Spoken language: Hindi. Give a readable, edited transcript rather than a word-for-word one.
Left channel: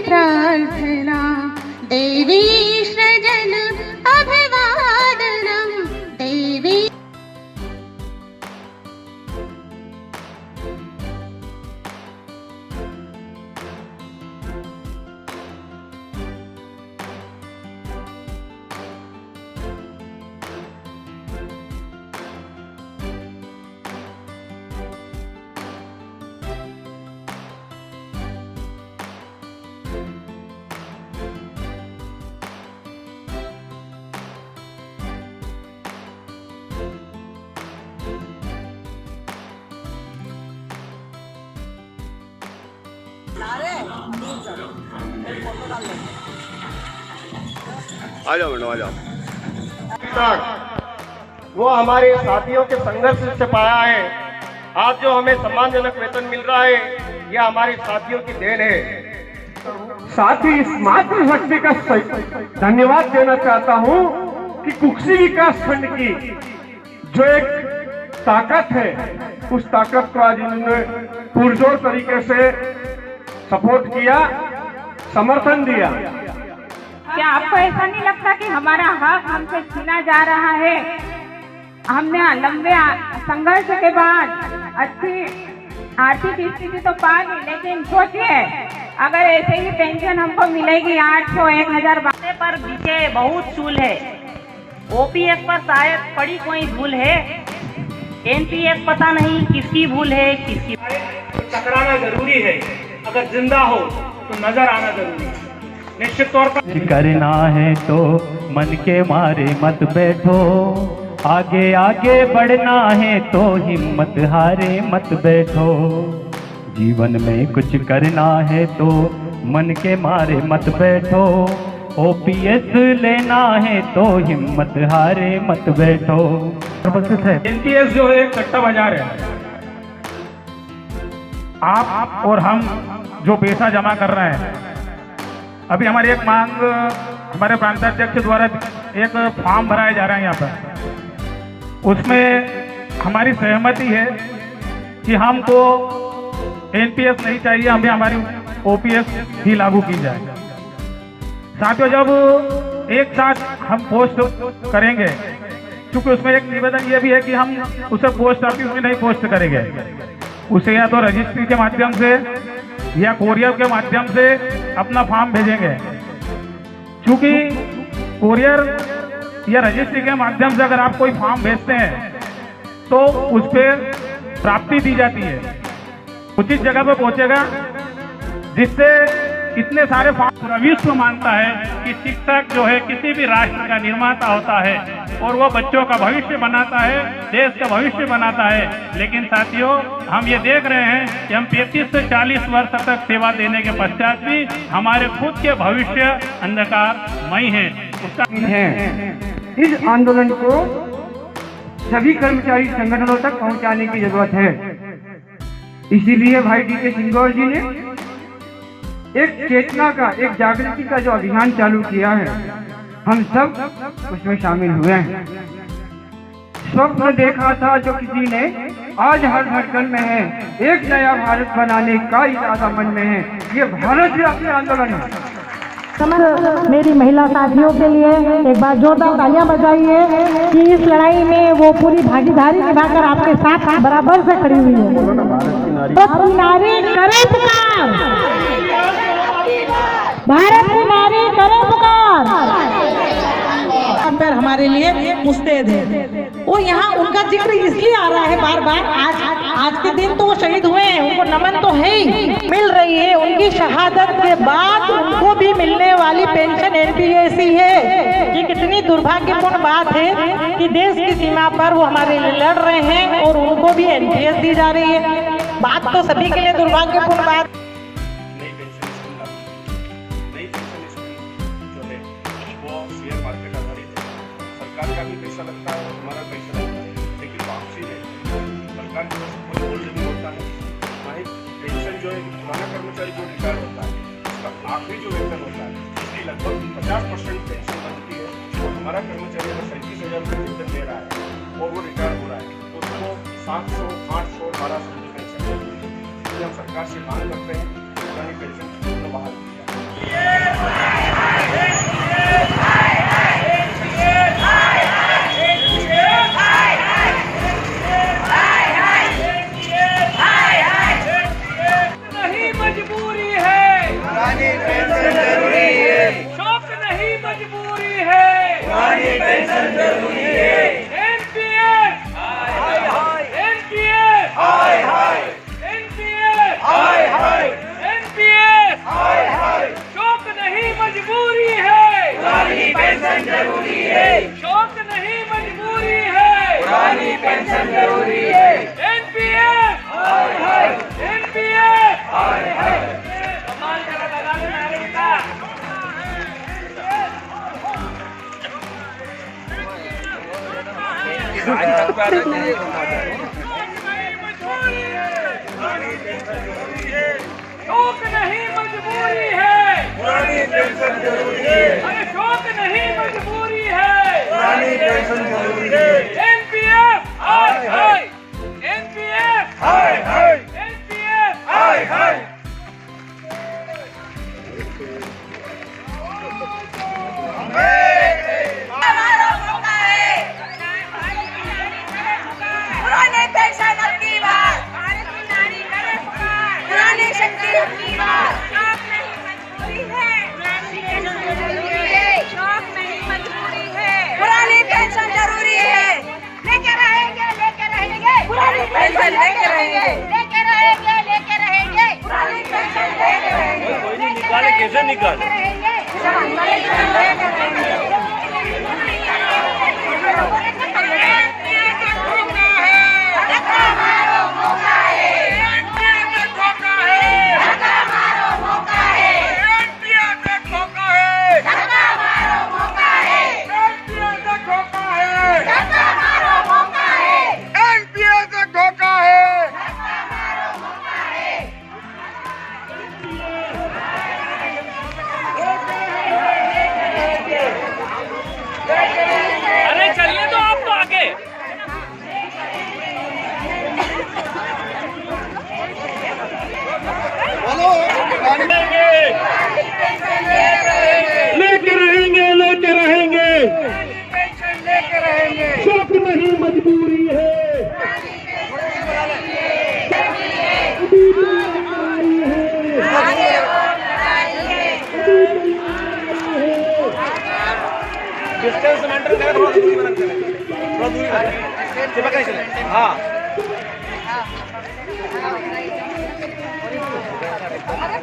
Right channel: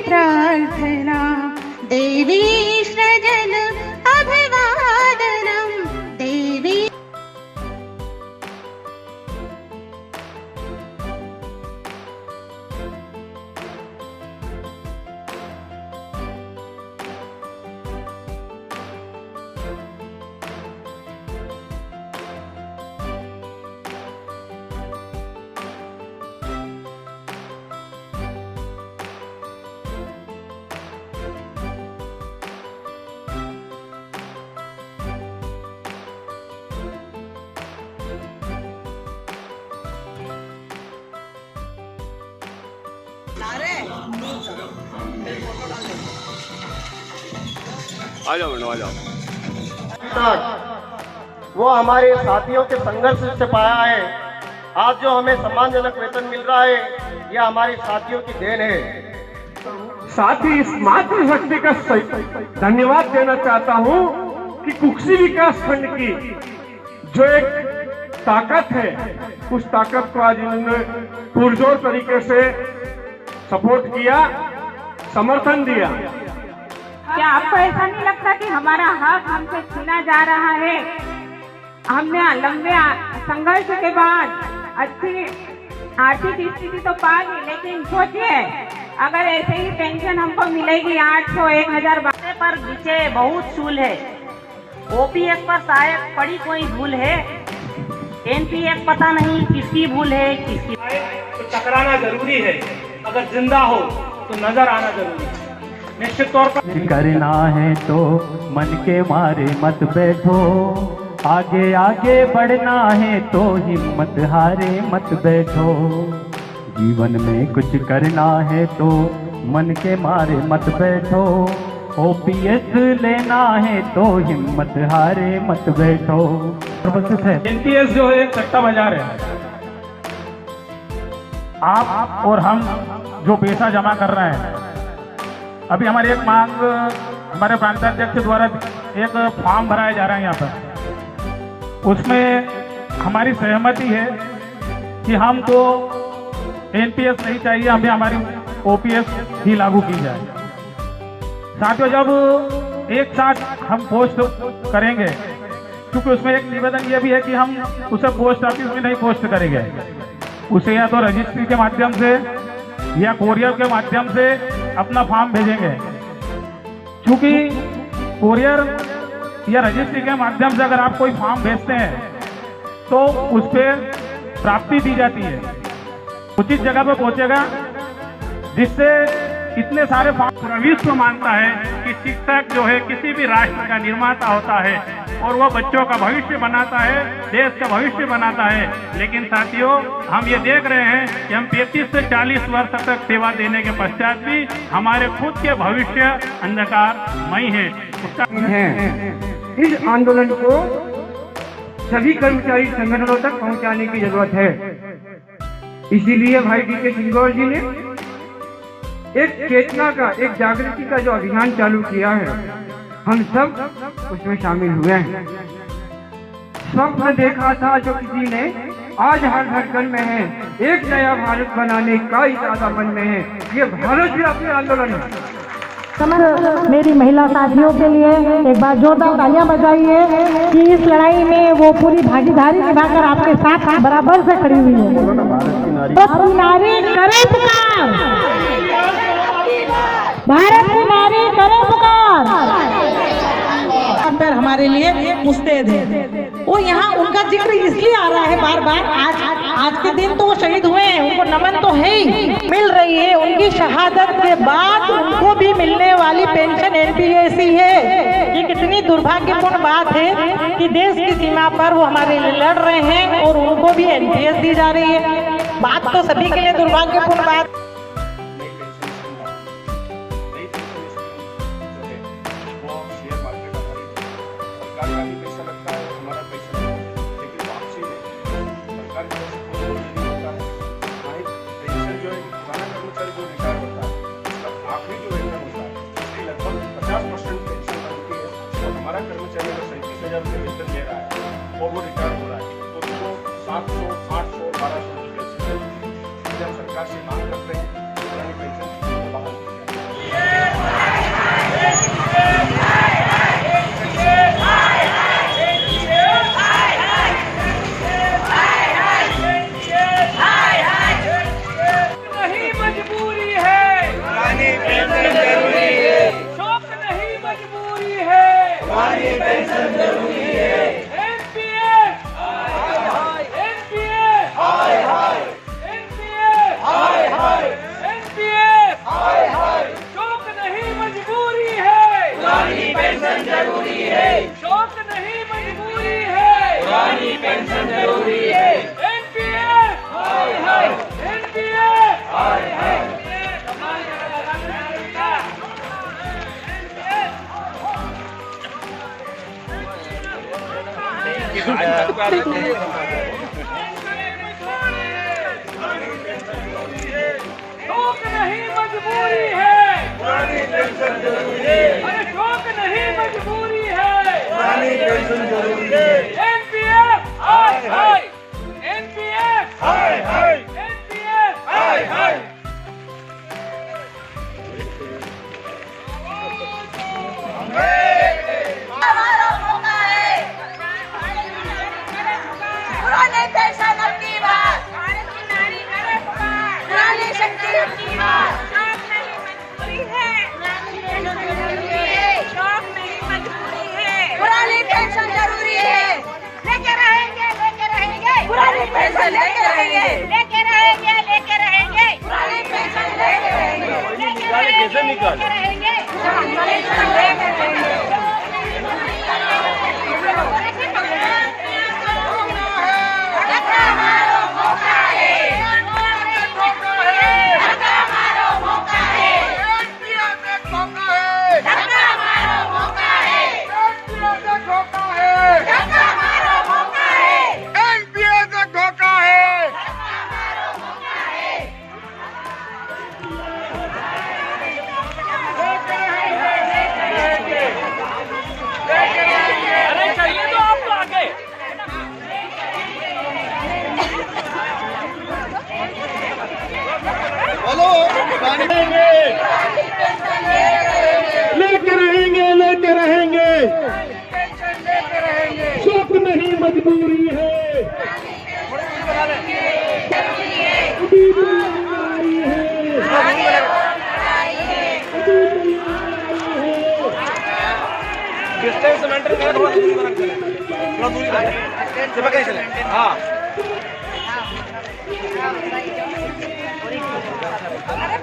प्रार्थना देवी सृजन अभिवादनम देवी। आ जाओ मैडम, आ जाओ। वो हमारे साथियों के संघर्ष से पाया है। आज जो हमें सम्मानजनक वेतन मिल रहा है, यह हमारे साथियों की देन है। साथ ही इस मातृशक्ति का धन्यवाद देना चाहता हूं कि कुक्सी विकास खंड की जो एक ताकत है, उस ताकत को आज इन्होंने पुरजोर तरीके से सपोर्ट किया, समर्थन दिया। क्या आपको ऐसा नहीं लगता कि हमारा हक हमसे छीना जा रहा है? हमने लंबे संघर्ष के बाद अच्छी आर्थिक स्थिति तो पा ली, लेकिन सोचिए अगर ऐसे ही पेंशन हमको मिलेगी 800 1000 पर बीचे बहुत चूल है। ओपीएस पर शायद पड़ी कोई भूल है, एनपीएस पता नहीं किसकी भूल है किसकी। तो टकराना जरूरी है, अगर जिंदा हो तो नजर आना जरूरी है। निश्चित तौर पर करना है तो मन के मारे मत बैठो, आगे आगे बढ़ना है तो हिम्मत हारे मत बैठो। जीवन में कुछ करना है तो मन के मारे मत बैठो, ओपीएस लेना है तो हिम्मत हारे मत बैठो। एनपीएस जो है कट्टा बाजार है। आप और हम जो पैसा जमा कर रहे हैं, अभी हमारी एक मांग हमारे प्रांताध्यक्ष द्वारा एक फॉर्म भराया जा रहा है यहाँ पर, उसमें हमारी सहमति है कि हमको एनपीएस नहीं चाहिए, हमें हमारी ओपीएस ही लागू की जाए। साथियों, जब एक साथ हम पोस्ट करेंगे, क्योंकि उसमें एक निवेदन ये भी है कि हम उसे पोस्ट ऑफिस में नहीं पोस्ट करेंगे, उसे या तो रजिस्ट्री के माध्यम से या कोरियर के माध्यम से अपना फॉर्म भेजेंगे। क्योंकि कोरियर या रजिस्ट्री के माध्यम से अगर आप कोई फॉर्म भेजते हैं तो उस पर प्राप्ति दी जाती है, उचित जगह पर पहुंचेगा, जिससे इतने सारे फॉर्म। विश्व मानता है कि शिक्षक जो है किसी भी राष्ट्र का निर्माता होता है और वो बच्चों का भविष्य बनाता है, देश का भविष्य बनाता है। लेकिन साथियों, हम ये देख रहे हैं कि हम 35 से 40 वर्ष तक सेवा देने के पश्चात भी हमारे खुद के भविष्य अंधकारमय है। इस आंदोलन को सभी कर्मचारी संगठनों तक पहुंचाने की जरूरत है। इसीलिए भाई डी के सिंगौर जी ने एक चेतना का, एक जागृति का जो अभियान चालू किया है, हम सब उसमें शामिल हुए हैं। स्वप्न देखा था जो किसी ने, आज हर धड़कन में है, एक नया भारत बनाने का इरादा मन में है। ये भारत ही अपने आंदोलन है। मेरी महिला साथियों के लिए एक बार जोरदार तालियां बजाइए कि इस लड़ाई में वो पूरी भागीदारी निभाकर आपके साथ बराबर से खड़ी हुई है। बस नारी करे पुकार, भारत की नारी करे पुकार। पर हमारे लिए मुस्तैद है। वो यहाँ उनका जिक्र इसलिए आ रहा है बार बार, आज के दिन तो वो शहीद हुए हैं, उनको नमन तो है ही, मिल रही है। उनकी शहादत के बाद उनको भी मिलने वाली पेंशन एनपीएस ही है। ये कितनी दुर्भाग्यपूर्ण बात है कि देश की सीमा पर वो हमारे लिए लड़ रहे हैं और उनको भी एनपीएस दी जा रही है। बात तो सभी के लिए दुर्भाग्यपूर्ण बात। सरकार का भी पैसा लगता है, हमारा पैसा लगता है, लेकिन वापसी है सरकार की तरफ कोई बोल नहीं होता है। वहीं पेंशन जो है, पुराना कर्मचारी जो रिटायर होता है, उसका आखिरी जो वेतन होता है, उसकी लगभग 50% पेंशन बनती है। और हमारा कर्मचारी अगर 37,000 रुपये वेतन दे रहा है और वो रिटायर हो रहा है, तो उसको 700, 800, 1200 रुपये पेंशन मिलती है। इसलिए हम सरकार से मांग करते हैं पुरानी पेंशन बहाल की जाए। शौक नहीं मजबूरी है, पुरानी पेंशन जरूरी है। शौक नहीं मजबूरी है, पुरानी पेंशन जरूरी है। एनपीएस एनपीएस शौक नहीं मजबूरी है, पुरानी पेंशन जरूरी है, शौक नहीं मजबूरी है। पुरानी पेंशन जरूरी है। एनपीएस हाय हाय, एनपीएस हाय हाय, एनपीएस हाय हाय। पुराने पेंशन अब की बात, भारत की नारी करे पुकार, पुरानी शक्ति अब की बात। शौक नहीं मजबूरी है, पुरानी पेंशन जरूरी है। शौक नहीं मजबूरी है, पुरानी पेंशन जरूरी है। लेके रहेंगे पुरानी पेंशन लेके रहेंगे, लेके रहेंगे पुरानी पेंशन लेके रहेंगे। निकाले कैसे निकाले? अरे चलिए तो आप तो आगे। लेके रहेंगे शौक नहीं मजबूरी है, अभी तैयारी है, अभी तैयारी है। हाँ अरे